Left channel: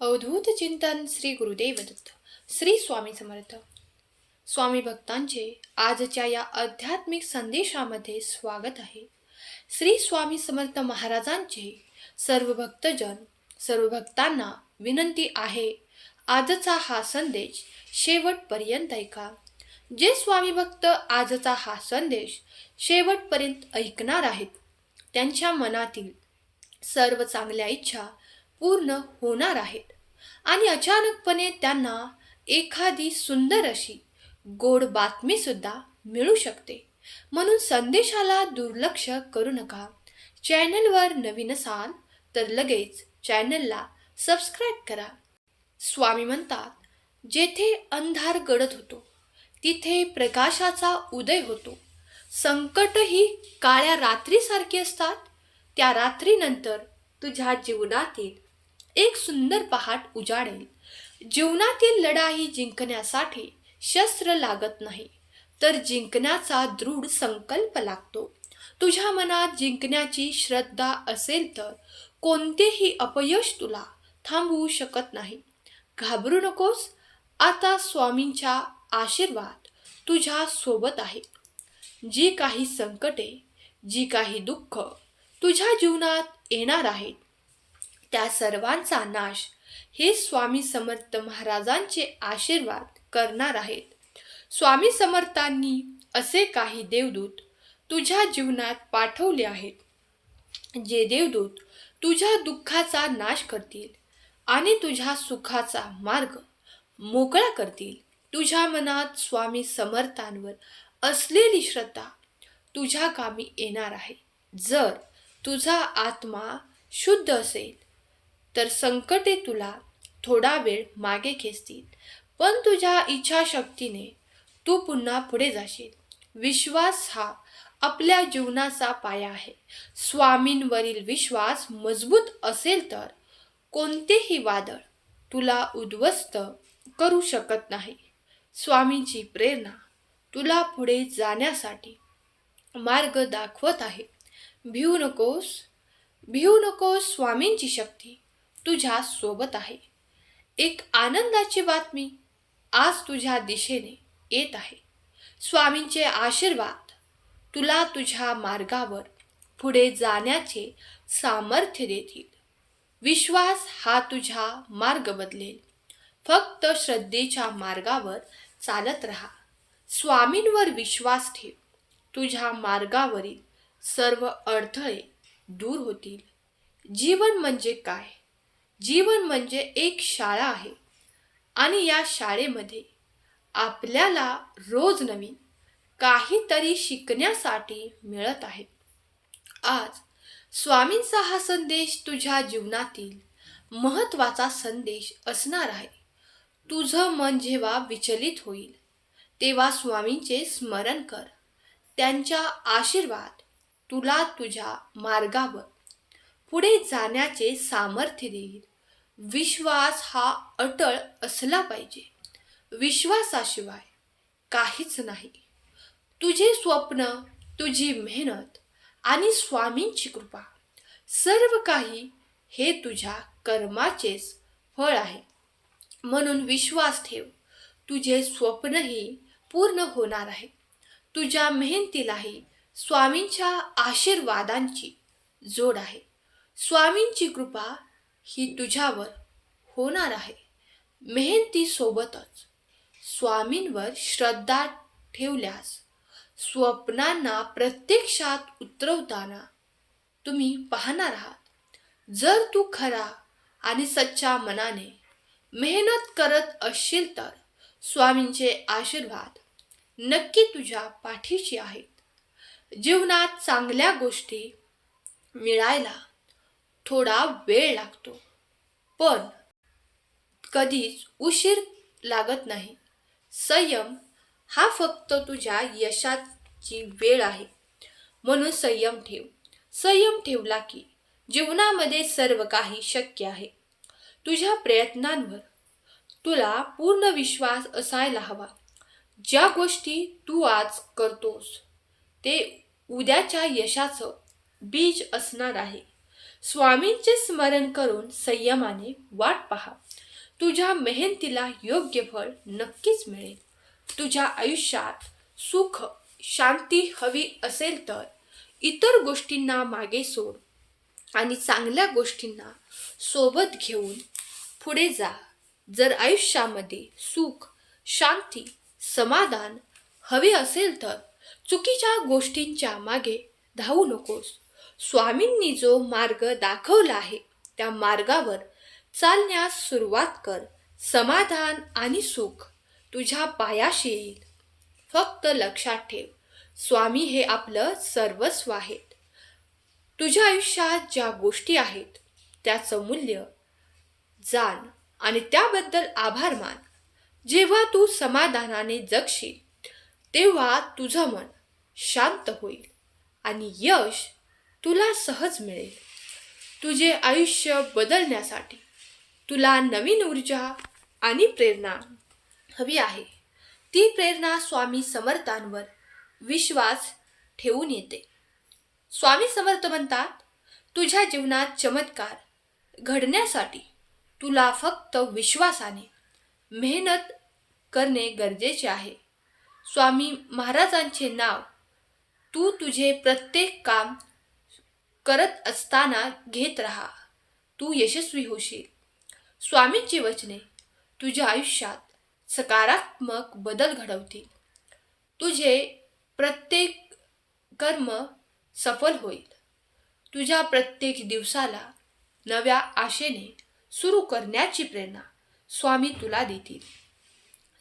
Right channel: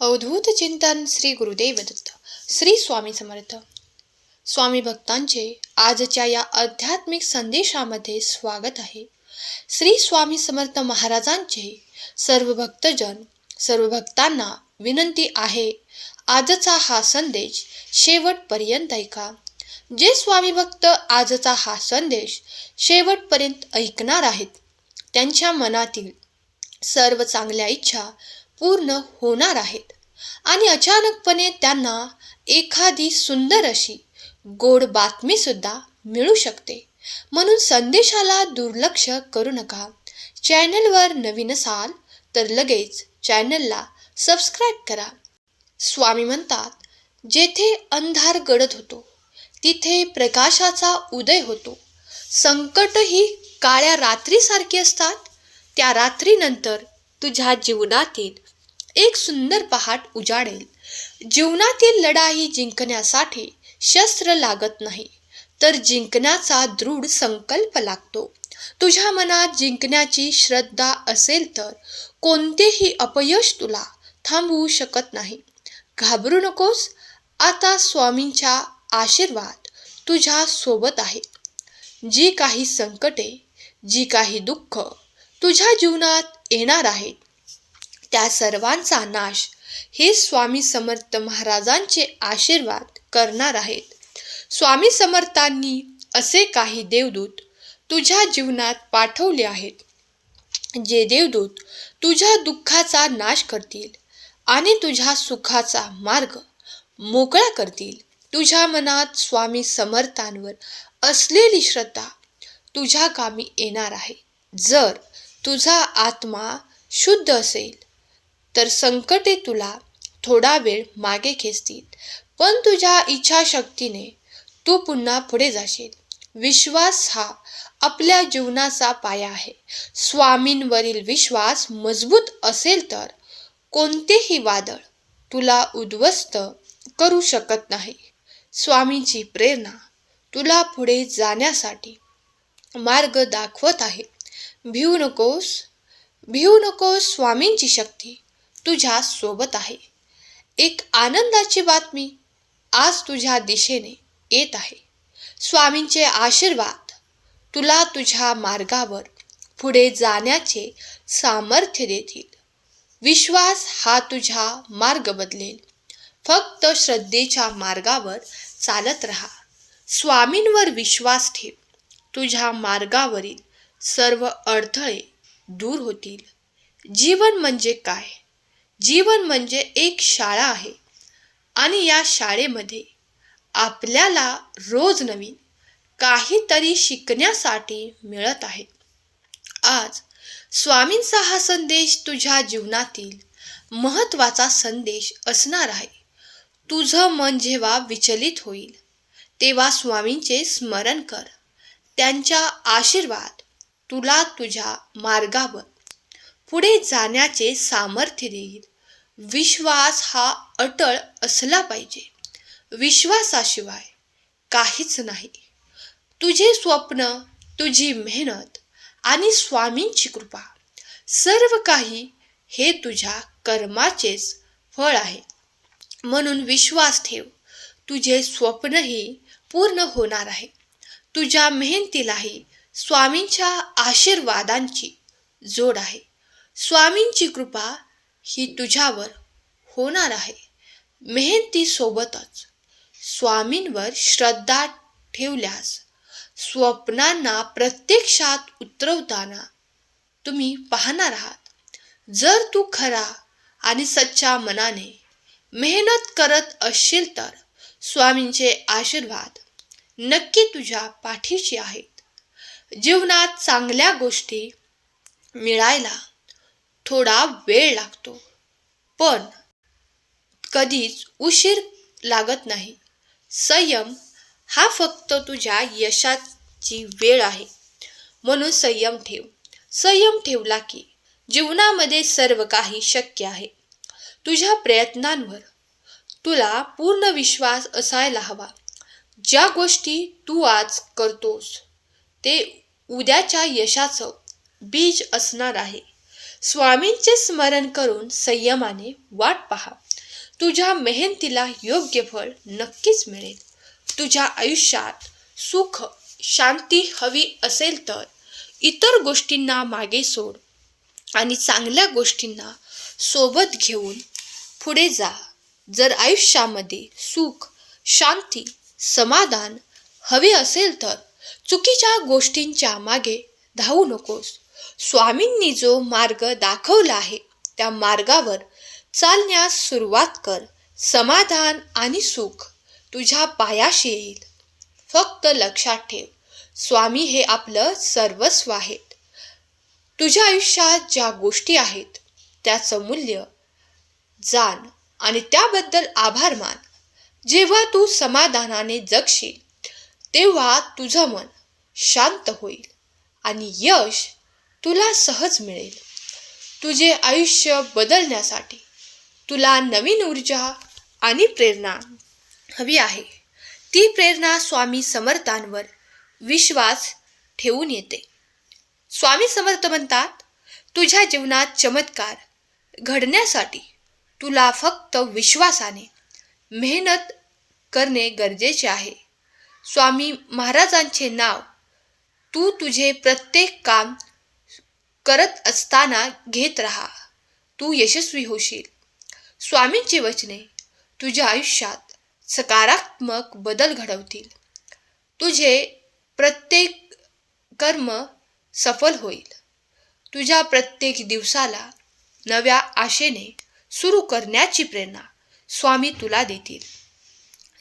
अवधूत चिंतन श्री गुरुदेव दत्त. श्री स्वामी समर्थ. स्वामी भक्तांचे आजच्या या आध्यात्मिक संदेशामध्ये स्वागत आहे. श्री स्वामी समर्थ महाराजांचे सर्व भक्तजन, सर्व भक्तांना विनंती आहे, आजचा हा संदेश शेवटपर्यंत ऐका. जे स्वामी भक्त आजचा हा संदेश शेवटपर्यंत ऐकणार आहेत, त्यांच्या मनातील सर्व चांगल्या इच्छा पूर्ण होणार आहेत आणि अचानकपणे त्यांना एखादी सुंदर अशी गोड बातमी सुद्धा मिळू शकते. म्हणून संदेशाला दुर्लक्ष करू नका. चॅनलवर नवीन असाल तर लगेच चॅनलला सबस्क्राईब करा. स्वामी म्हणतात, जेथे अंधार गडद होतो तिथे प्रकाशाचा उदय होतो. संकट ही काळ्या रात्रीसारखी असतात. त्या रात्रीनंतर तुझ्या जीवनातील एक सुंदर पहाट उजाडेल. जीवनातील लढाई जिंकण्यासाठी शस्त्र लागत नाही, तर जिंकण्याचा दृढ संकल्प लागतो. तुझ्या मनात जिंकण्याची श्रद्धा असेल तर कोणतेही अपयश तुला थांबवू शकत नाही. घाबरू नकोस. आता स्वामींचा आशीर्वाद तुझ्या सोबत आहे. जी काही संकटे, जी काही दुःख तुझ्या जीवनात येणार आहेत, त्या सर्वांचा नाश हे स्वामी समर्थ महाराजांचे आशीर्वाद करणार आहेत. स्वामी समर्थांनी असे काही देवदूत तुझ्या जीवनात पाठवले आहेत, जे देवदूत तुझ्या दुःखाचा नाश करतील आणि तुझ्या सुखाचा मार्ग मोकळा करतील. तुझ्या मनात स्वामी समर्थांवर असलेली श्रद्धा तुझ्या कामी येणार आहे. जर तुझा आत्मा शुद्ध असेल तर संकटे तुला थोडा वेळ मागे खेचतील, पण तुझ्या इच्छाशक्तीने तू पुन्हा पुढे जाशील. विश्वास हा आपल्या जीवनाचा पाया आहे. स्वामींवरील विश्वास मजबूत असेल तर कोणतेही वादळ तुला उद्ध्वस्त करू शकत नाही. स्वामींची प्रेरणा तुला पुढे जाण्यासाठी मार्ग दाखवत आहे. भिवू नकोस. स्वामींची शक्ती तुझ्या सोबत आहे. एक आनंदाची बातमी आज तुझ्या दिशेने येत आहे. स्वामींचे आशीर्वाद तुला तुझ्या मार्गावर पुढे जाण्याचे सामर्थ्य देतील. विश्वास हा तुझा मार्ग बदलेल. फक्त श्रद्धेच्या मार्गावर चालत राहा. स्वामींवर विश्वास ठेव. तुझ्या मार्गावरील सर्व अडथळे दूर होतील. जीवन म्हणजे काय? जीवन म्हणजे एक शाळा आहे आणि या शाळेमध्ये आपल्याला रोज नवीन काहीतरी शिकण्यासाठी मिळत आहे. आज स्वामींचा हा संदेश तुझ्या जीवनातील महत्त्वाचा संदेश असणार आहे. तुझं मन जेव्हा विचलित होईल तेव्हा स्वामींचे स्मरण कर. त्यांचा आशीर्वाद तुला तुझ्या मार्गावर पुढे जाण्याचे सामर्थ्य देईल. विश्वास हा अटळ असला पाहिजे. विश्वासाशिवाय काहीच नाही. तुझे स्वप्न, तुझी मेहनत आणि स्वामींची कृपा, सर्व काही हे तुझ्या कर्माचेच फळ आहे. म्हणून विश्वास ठेव. तुझे स्वप्नही पूर्ण होणार आहे. तुझ्या मेहनतीलाही स्वामींच्या आशीर्वादांची जोड आहे. स्वामींची कृपा ही तुझ्यावर होणार आहे. मेहनतीसोबतच स्वामींवर श्रद्धा ठेवल्यास स्वप्नांना प्रत्यक्षात उतरवताना तुम्ही पाहणार आहात. जर तू खरा आणि सच्चा मनाने मेहनत करत असशील तर स्वामींचे आशीर्वाद नक्की तुझ्या पाठीशी आहेत. जीवनात चांगल्या गोष्टी मिळायला थोडा वेळ लागतो, पण कधीच उशीर लागत नाही. संयम हा फक्त तुझ्या यशाची वेळ आहे. म्हणून संयम ठेव. संयम ठेवला की जीवनामध्ये सर्व काही शक्य आहे. तुझ्या प्रयत्नांवर तुला पूर्ण विश्वास असायला हवा. ज्या गोष्टी तू आज करतोस ते उद्याच्या यशाचं बीज असणार आहे. स्वामींचे स्मरण करून संयमाने वाट पहा. तुझ्या मेहनतीला योग्य फळ नक्कीच मिळेल. तुझ्या आयुष्यात सुख शांती हवी असेल तर इतर गोष्टींना मागे सोड आणि चांगल्या गोष्टींना सोबत घेऊन पुढे जा. जर आयुष्यामध्ये सुख शांती समाधान हवे असेल तर चुकीच्या गोष्टींच्या मागे धावू नकोस. स्वामींनी जो मार्ग दाखवला आहे त्या मार्गावर चालण्यास सुरुवात कर. समाधान आणि सुख तुझ्या पायाशी येईल. फक्त लक्षात ठेव, स्वामी हे आपलं सर्वस्व आहेत. तुझ्या आयुष्यात ज्या गोष्टी आहेत त्याचं मूल्य जाण आणि त्याबद्दल आभार मान. जेव्हा तू समाधानाने जगशील तेव्हा तुझं मन शांत होईल आणि यश तुला सहज मिळेल. तुझे आयुष्य बदलण्यासाठी तुला नवीन ऊर्जा आणि प्रेरणा हवी आहे. ती प्रेरणा स्वामी समर्थांवर विश्वास ठेवून येते. स्वामी समर्थ म्हणतात, तुझ्या जीवनात चमत्कार घडण्यासाठी तुला फक्त विश्वासाने मेहनत करणे गरजेचे आहे. स्वामी महाराजांचे नाव तू तुझे प्रत्येक काम करत असताना घेत राहा. तू यशस्वी होशील. स्वामींची वचने तुझ्या आयुष्यात सकारात्मक बदल घडवतील. तुझे प्रत्येक कर्म सफल होईल. तुझ्या प्रत्येक दिवसाला नव्या आशेने सुरू करण्याची प्रेरणा स्वामी तुला देतील.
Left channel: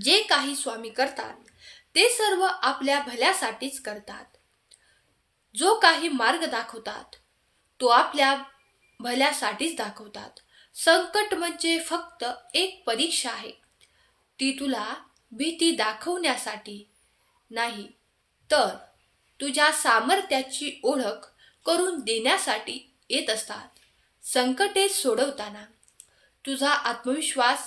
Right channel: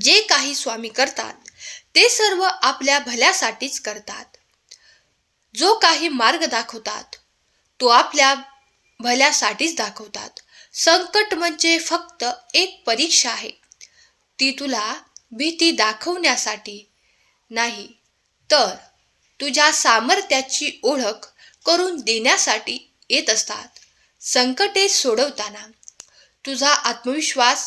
जे काही स्वामी करतात ते सर्व आपल्या भल्यासाठीच करतात. जो काही मार्ग दाखवतात तो आपल्या भल्यासाठीच दाखवतात. संकट म्हणजे फक्त एक परीक्षा आहे. ती तुला भीती दाखवण्यासाठी नाही तर तुझ्या सामर्थ्याची ओळख करून देण्यासाठी येत असतात. संकटे सोडवताना तुझा आत्मविश्वास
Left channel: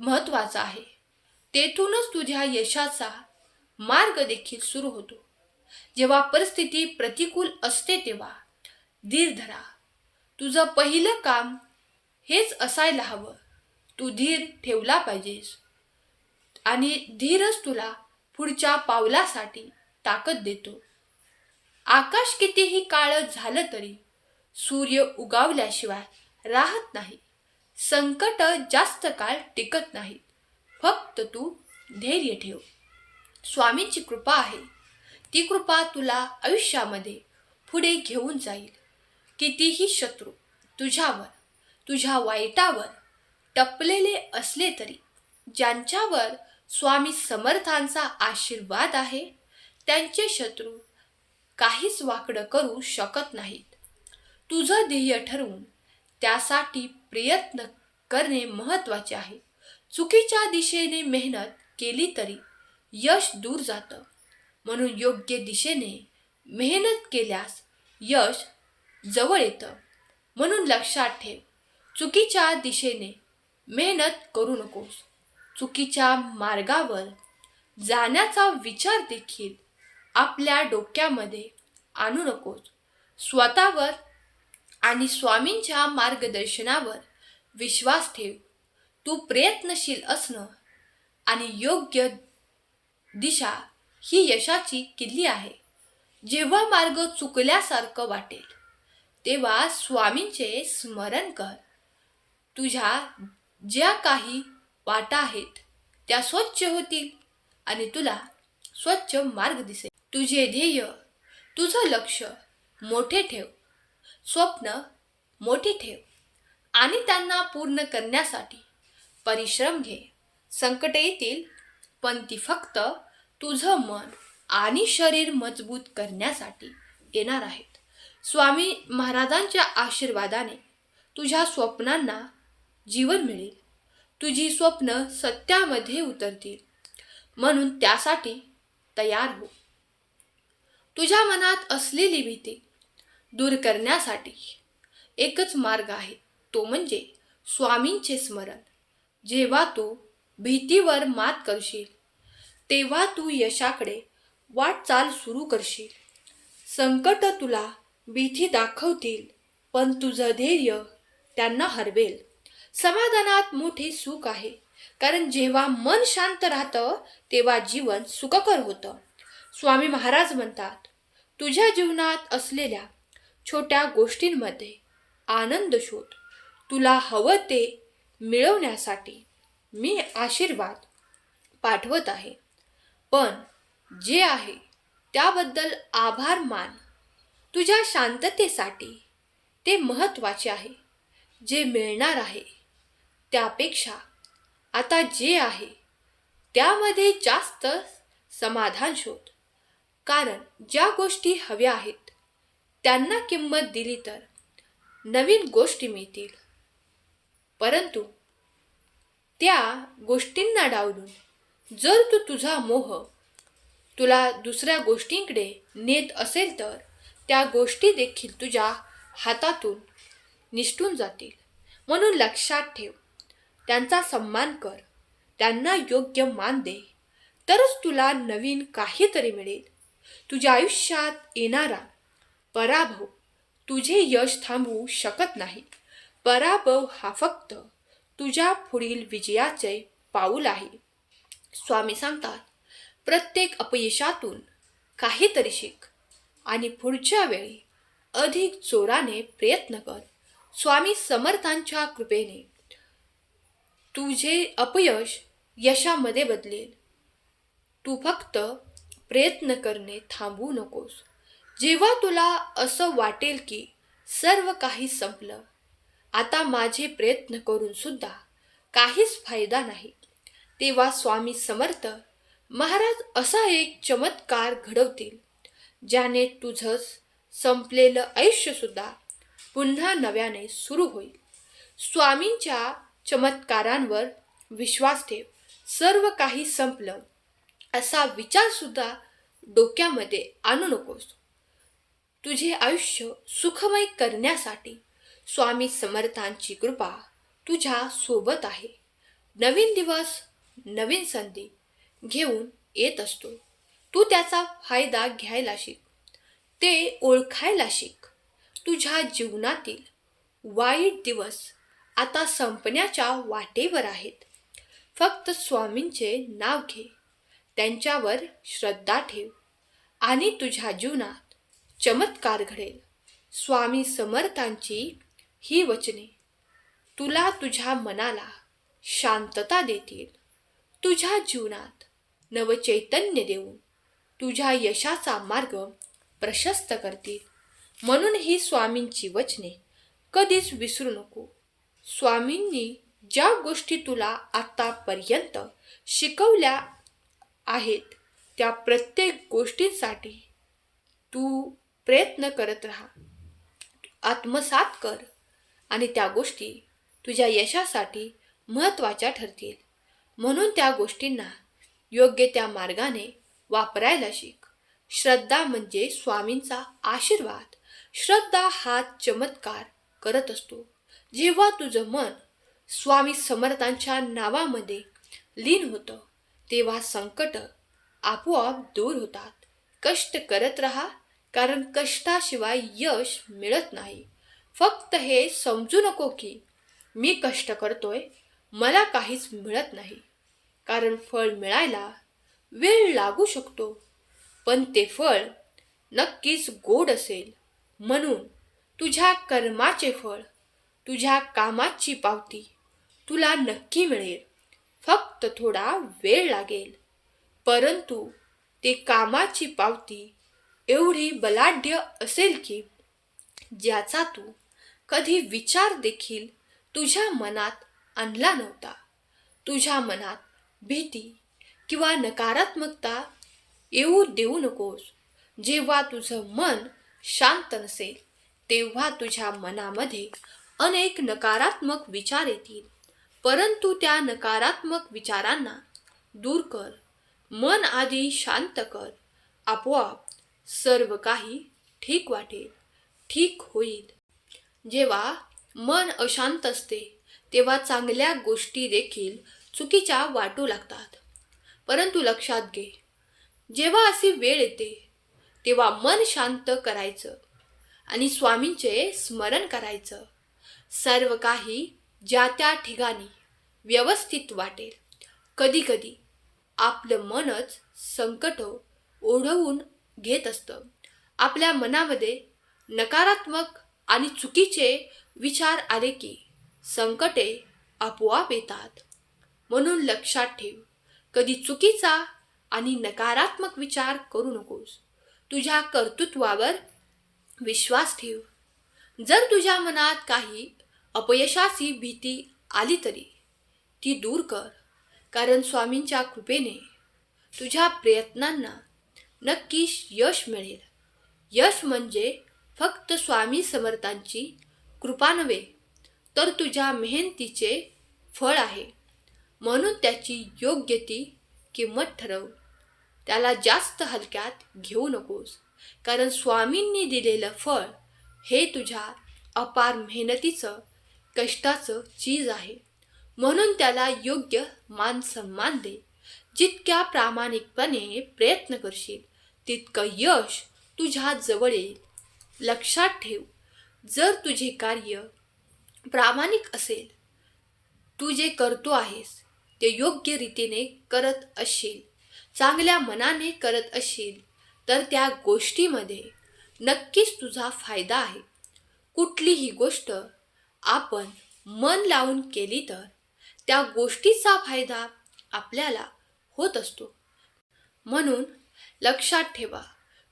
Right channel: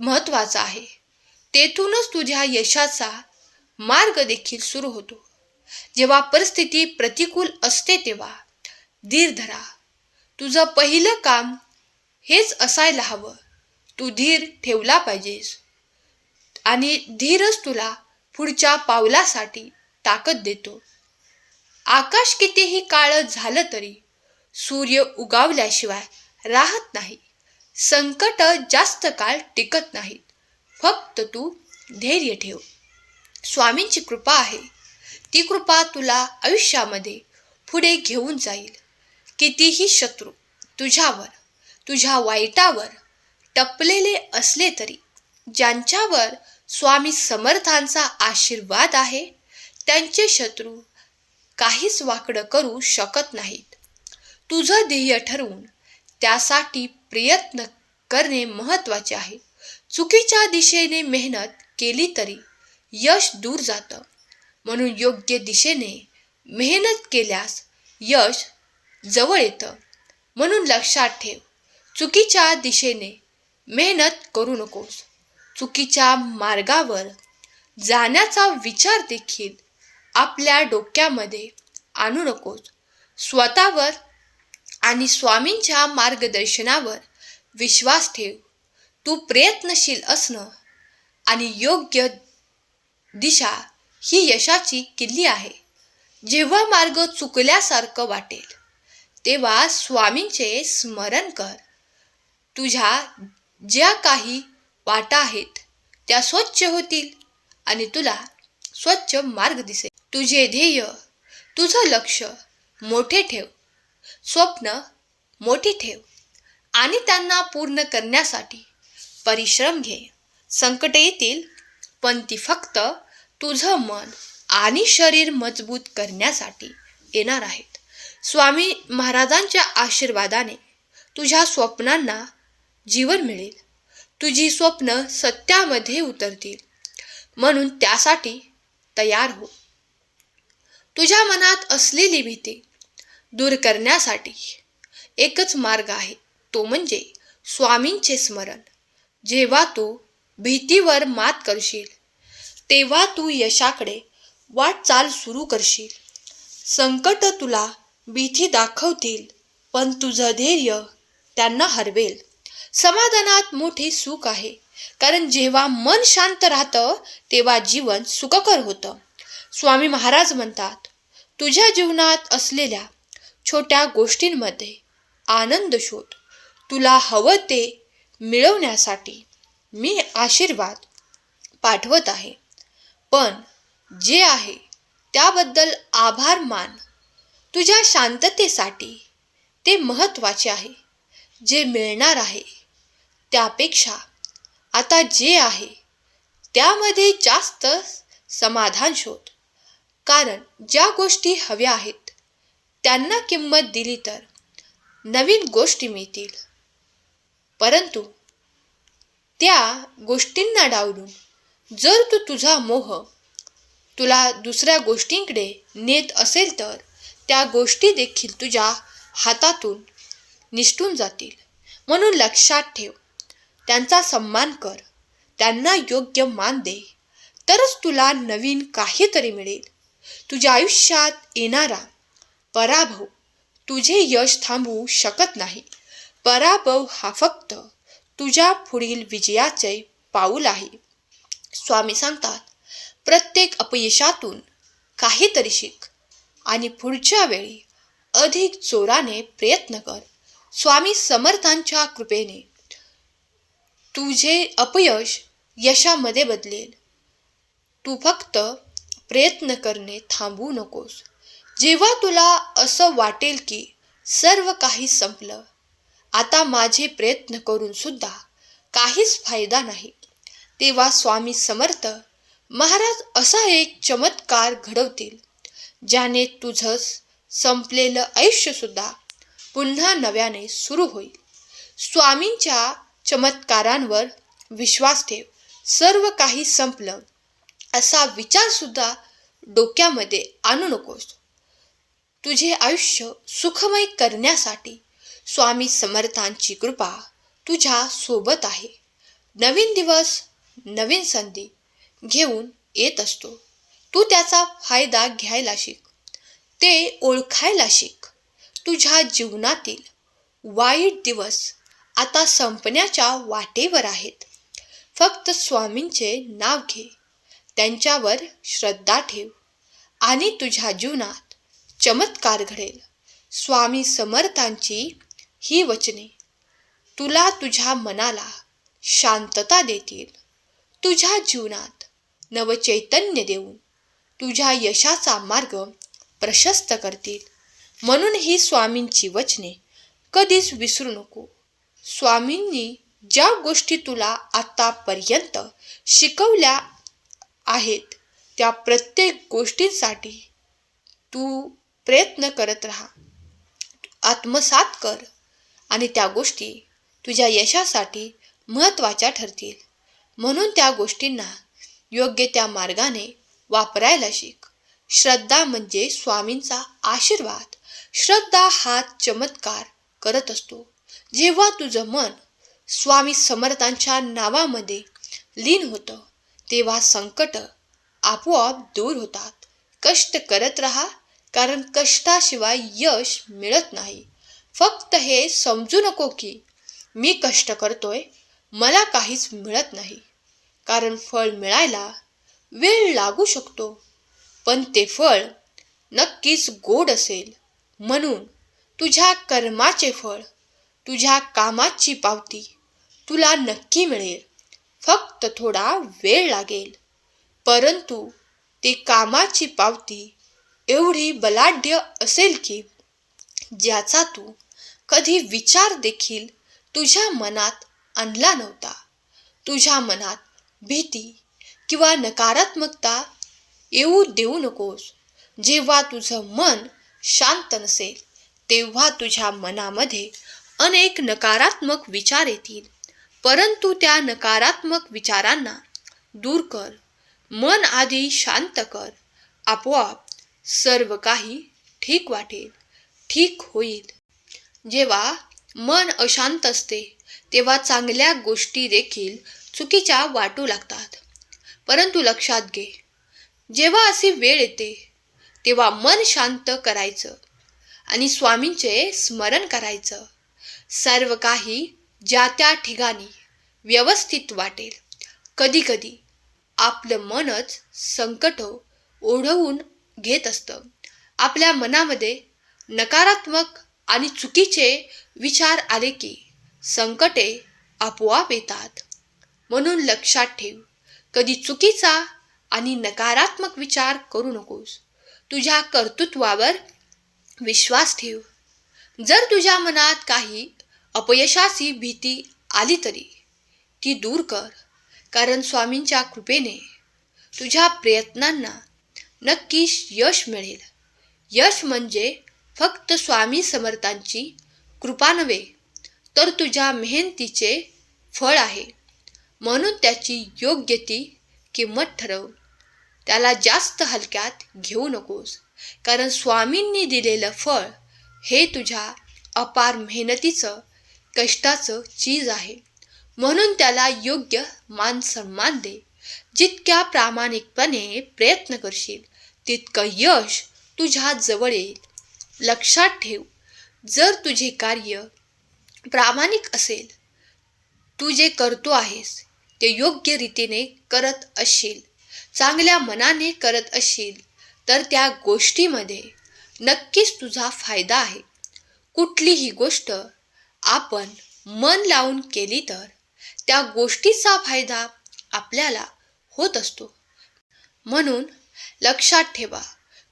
महत्त्वाचा आहे. तेथूनच तुझ्या यशाचा मार्ग देखील सुरू होतो. जेव्हा परिस्थिती प्रतिकूल असते तेव्हा धीर धरा. तुझं पहिलं काम हेच असायला हवं. तू धीर ठेवला पाहिजेस आणि धीरच तुला पुढच्या पावलासाठी ताकद देतो. आकाश कितीही काळं झालं तरी सूर्य उगवल्याशिवाय राहत नाही. संकट जास्त काळ टिकत नाहीत. फक्त तू धैर्य ठेव. स्वामींची कृपा आहे. ती कृपा तुला आयुष्यामध्ये पुढे घेऊन जाईल. कितीही शत्रू तुझ्यावर तुझ्या वाईटावर टपलेले असले तरी ज्यांच्यावर स्वामी समर्थांचा आशीर्वाद आहे त्यांचे शत्रू काहीच वाकडं करू शकत नाहीत. तुझं ध्येय ठरवून त्यासाठी प्रयत्न करणे महत्त्वाचे आहे. चुकीच्या दिशेने मेहनत केली तरी यश दूर जातं. म्हणून योग्य दिशेने मेहनत केल्यास यश जवळ येतं. म्हणून लक्षात ठेव, चुकीच्या दिशेने मेहनत करू नकोस. चुकीच्या मार्गावर जाण्याचा विचार देखील आपल्या डोक्यामध्ये आणू नकोस. स्वतःवर आणि स्वामींच्या मार्गदर्शनावर विश्वास ठेव. तू प्रयत्नशील असणं आणि योग्य दिशा ही यशाची किल्ली आहे. जेव्हा मार्ग चुकल्यासारखं वाटेल तेव्हा स्वामींचे स्मरण कर. तुझ्या ज्या काही वाटा आहेत त्या स्वच्छ होतील आणि तुला स्वच्छ मार्ग दिसेल. तुझे ध्येय तुझं लक्ष मोठे ठेव. स्वप्न मोठी ठेव आणि त्यांना पूर्ण करण्यासाठी परिश्रम घे. संकट येतील पण ती फक्त तुझं मन आणि शरीर मजबूत करण्यासाठी येणार आहेत. स्वामी महाराजांच्या आशीर्वादाने तुझ्या स्वप्नांना जीवन मिळेल. तुझी स्वप्न सत्यामध्ये उतरतील. म्हणून त्यासाठी तयार हो. तुझ्या मनात असलेली भीती दूर करण्यासाठी एकच मार्ग आहे, तो म्हणजे स्वामींचे स्मरण. जेव्हा तू भीतीवर मात करशील तेव्हा तू यशाकडे वाटचाल सुरू करशील. संकट तुला भीती दाखवतील पण तुझं धैर्य त्यांना हरवेल. समाधानात मोठे सुख आहे, कारण जेव्हा मन शांत राहतं तेव्हा जीवन सुखकर होतं. स्वामी महाराज म्हणतात, तुझ्या जीवनात असलेल्या छोट्या गोष्टींमध्ये आनंद शोध. तुला हवं ते मिळवण्यासाठी मी आशीर्वाद पाठवत आहे, पण जे आहे त्याबद्दल आभार मान. तुझ्या शांततेसाठी ते महत्त्वाचे आहे. जे मिळणार आहे त्यापेक्षा आता जे आहे त्यामध्ये जास्त समाधान शोध. कारण ज्या गोष्टी हव्या आहेत त्यांना किंमत दिली तर नवीन गोष्टी मिळतील, परंतु त्या गोष्टींना डावलून जर तू तुझा मोह तुला दुसऱ्या गोष्टींकडे नेत असेल तर त्या गोष्टी देखील तुझ्या हातातून निसटून जातील. म्हणून लक्षात ठेव, त्यांचा सन्मान कर, त्यांना योग्य मान दे, तरच तुला नवीन काहीतरी मिळेल. तुझ्या आयुष्यात येणारा पराभव तुझे यश थांबवू शकत नाही. पराभव हा फक्त तुझ्या पुढील विजयाचे पाऊल आहे. स्वामी सांगतात, प्रत्येक अपयशातून काहीतरी शिक आणि पुढच्या वेळी अधिक जोराने प्रयत्न कर. स्वामी समर्थांच्या कृपेने तुझे अपयश यशामध्ये बदलेल. तू फक्त प्रयत्न करणे थांबवू नकोस. जेव्हा तुला असं वाटेल की सर्व काही संपलं, आता माझे प्रयत्न करून सुद्धा काहीच फायदा नाही, तेव्हा स्वामी समर्थ महाराज असा एक चमत्कार घडवतील ज्याने तुझं संपलेलं आयुष्य सुद्धा पुन्हा नव्याने सुरू होईल. स्वामींच्या चमत्कारांवर विश्वास ठेव. सर्व काही संपलं असा विचार सुद्धा डोक्यामध्ये आणू नकोस. तुझे आयुष्य सुखमय करण्यासाठी स्वामी समर्थांची कृपा तुझ्या सोबत आहे. नवीन दिवस नवीन संधी घेऊन येत असतो. तू त्याचा फायदा घ्यायला शिक, ते ओळखायला शिक. तुझ्या जीवनातील वाईट दिवस आता संपण्याच्या वाटेवर आहेत. फक्त स्वामींचे नाव घे, त्यांच्यावर श्रद्धा ठेव आणि तुझ्या जीवनात चमत्कार घडेल. स्वामी समर्थांची ही वचने तुला तुझ्या मनाला शांतता देतील, तुझ्या जीवनात नवचैतन्य देऊन तुझ्या यशाचा मार्ग प्रशस्त करतील. म्हणून ही स्वामींची वचने कधीच विसरू नको. स्वामींनी ज्या गोष्टी तुला आतापर्यंत शिकवल्या आहेत त्या प्रत्येक गोष्टींसाठी तू प्रयत्न करत राहा, आत्मसात कर आणि त्या गोष्टी तुझ्या यशासाठी महत्त्वाच्या ठरतील. म्हणून त्या गोष्टींना योग्य त्या मार्गाने वापरायला शिक. श्रद्धा म्हणजे स्वामींचा आशीर्वाद. श्रद्धा हा चमत्कार करत असतो. जेव्हा तुझं मन स्वामी समर्थांच्या नावामध्ये लीन होतं तेव्हा संकट आपोआप दूर होतात. कष्ट करत राहा, कारण कष्टाशिवाय यश मिळत नाही. फक्त हे समजू नको की मी कष्ट करतोय, मला काहीच मिळत नाही, कारण फळ मिळायला वेळ लागू शकतो, पण ते फळ नक्कीच गोड असेल. म्हणून तुझ्या कर्माचे फळ, तुझ्या कामाची पावती तुला नक्की मिळेल. फक्त थोडा वेळ लागेल, परंतु ते कामाची पावती एवढी बलाढ्य असेल की ज्याचा तू कधी विचार देखील तुझ्या मनात आणला नव्हता. तुझ्या मनात भीती किंवा नकारात्मकता येऊ देऊ नकोस. जेव्हा तुझं मन शांत नसेल तेव्हा तुझ्या मनामध्ये अनेक नकारात्मक विचार येतील, परंतु त्या नकारात्मक विचारांना दूर कर. मन आधी शांत कर, आपोआप सर्व काही ठीक वाटेल, ठीक होईल. जेव्हा मन अशांत असते तेव्हा चांगल्या गोष्टी देखील चुकीच्या वाटू लागतात. परंतु लक्षात घे, जेव्हा अशी वेळ येते तेव्हा मन शांत करायचं आणि स्वामींचे स्मरण करायचं. सर्व काही ज्या त्या ठिकाणी व्यवस्थित वाटेल. कधीकधी आपलं मनच संकट ओढवून घेत असतं. आपल्या मनामध्ये नकारात्मक आणि चुकीचे विचार आले की संकटे आपोआप येतात. म्हणून लक्षात ठेव, कधी चुकीचा आणि नकारात्मक विचार करू नकोस. तुझ्या कर्तृत्वावर विश्वास ठेव. जर तुझ्या मनात काही अपयशाची भीती आली तरी ती दूर कर, कारण स्वामींच्या कृपेने तुझ्या प्रयत्नांना नक्कीच यश मिळेल. यश म्हणजे फक्त स्वामी समर्थांची कृपा नव्हे, तर तुझ्या मेहनतीचे फळ आहे. म्हणून त्याची योग्य ती किंमत ठरव. त्याला जास्त हलक्यात घेऊ नकोस, कारण स्वामींनी दिलेलं फळ हे तुझ्या अपार मेहनतीचं, कष्टाचं चीज आहे. म्हणून त्याला योग्य मान सन्मान दे. जितक्या प्रामाणिकपणे प्रयत्न करशील तितकं यश तुझ्या जवळ येईल. लक्षात ठेव, जर तुझे कार्य प्रामाणिक असेल, तू जे करतो आहेस ते योग्य रीतीने करत असशील, चांगल्या मनाने करत असशील, तर त्या गोष्टीमध्ये नक्कीच तुझा फायदा आहे. कुठलीही गोष्ट आपण मन लावून केली तर त्या गोष्टीचा फायदा आपल्याला होत असतो. म्हणून लक्षात ठेवा,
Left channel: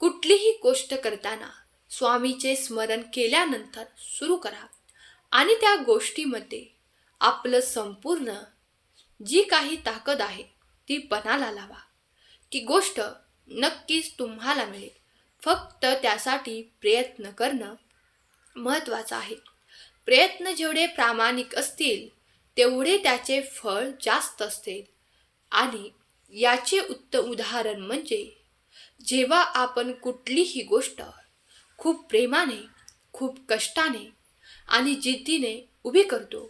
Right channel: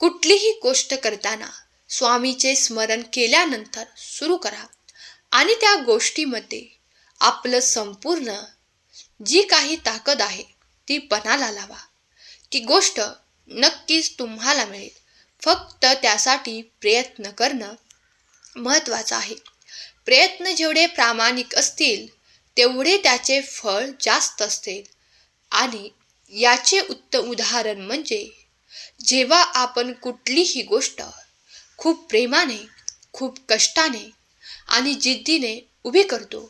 कुठलीही गोष्ट करताना स्वामीचे स्मरण केल्यानंतर सुरू करा आणि त्या गोष्टीमध्ये आपलं संपूर्ण जी काही ताकद आहे ती पणाला लावा. ती गोष्ट नक्कीच तुम्हाला मिळेल. फक्त त्यासाठी प्रयत्न करणं महत्त्वाचं आहे. प्रयत्न जेवढे प्रामाणिक असतील तेवढे त्याचे फळ जास्त असते. आणि याचे उत्तम उदाहरण म्हणजे जेव्हा आपण कुठलीही गोष्ट खूप प्रेमाने, खूप कष्टाने आणि जिद्दीने उभी करतो,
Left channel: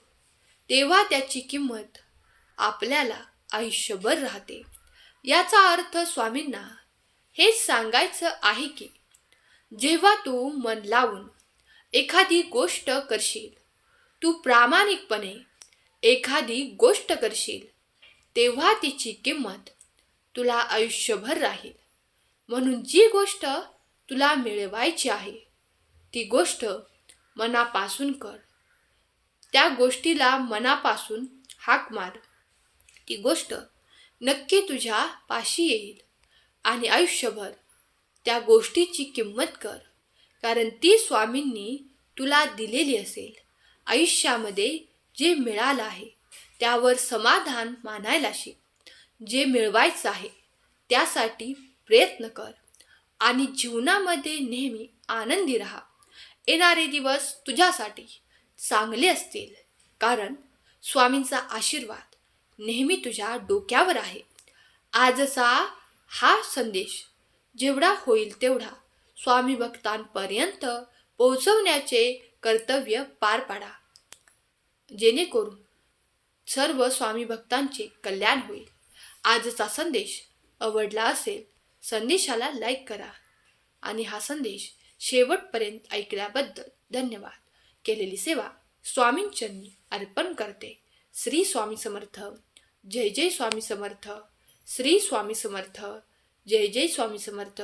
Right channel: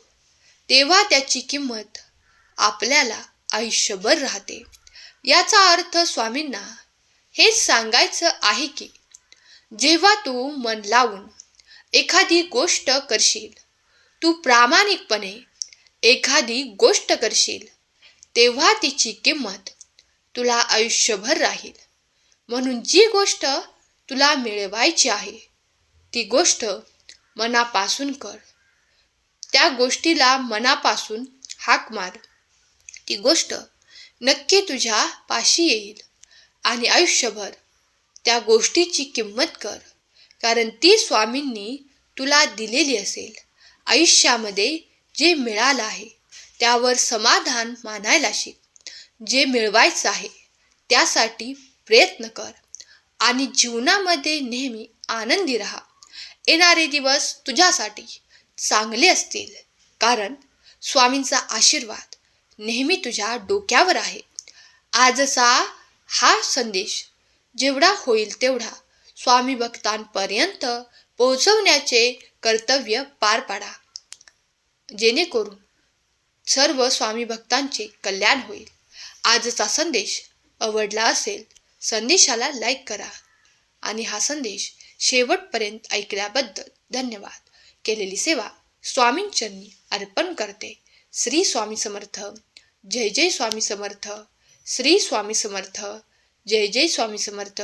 तेव्हा त्याची किंमत आपल्याला आयुष्यभर राहते. याचा अर्थ स्वामींना हेच सांगायचं आहे की जेव्हा तू मन लावून एखादी गोष्ट करशील, तू प्रामाणिकपणे एखादी गोष्ट करशील, तेव्हा तिची किंमत तुला आयुष्यभर राहील. म्हणून जी गोष्ट तुला मिळवायची आहे ती गोष्ट मनापासून कर. त्या गोष्टीला मनापासून हाक मार. ती गोष्ट नक्की तुझ्या पाशी येईल आणि आयुष्यभर त्या गोष्टीची किंमत कर, कारण ती स्वामींनी तुला दिलेली असेल. आयुष्यामध्ये जे मिळालं आहे त्यावर समाधान मानायला शिक. जे मिळवायचं आहे त्यासाठी प्रयत्न कर आणि जीवनामध्ये नेहमी आनंदी राहा. येणारे दिवस तुझ्यासाठी चांगले असतील, कारण स्वामींचा आशीर्वाद नेहमी तुझ्या डोक्यावर आहे. आजचा हा संदेश जेवढा होईल तेवढा स्वामी भक्तांपर्यंत पोहोचवण्याचे कर्तव्य पार पाडा, जेणेकरून सर्व स्वामी भक्तांचे कल्याण होईल. आजचा संदेश आवडला असेल, संदेशाला लाईक करा आणि हा संदेश शेवटपर्यंत ऐकल्याबद्दल धन्यवाद. केलेली सेवा स्वामींचरणी अर्पण करते. श्री स्वामी समर्थ. जय जय स्वामी समर्थ. श्री स्वामी समर्थ. जय जय स्वामी समर्थ.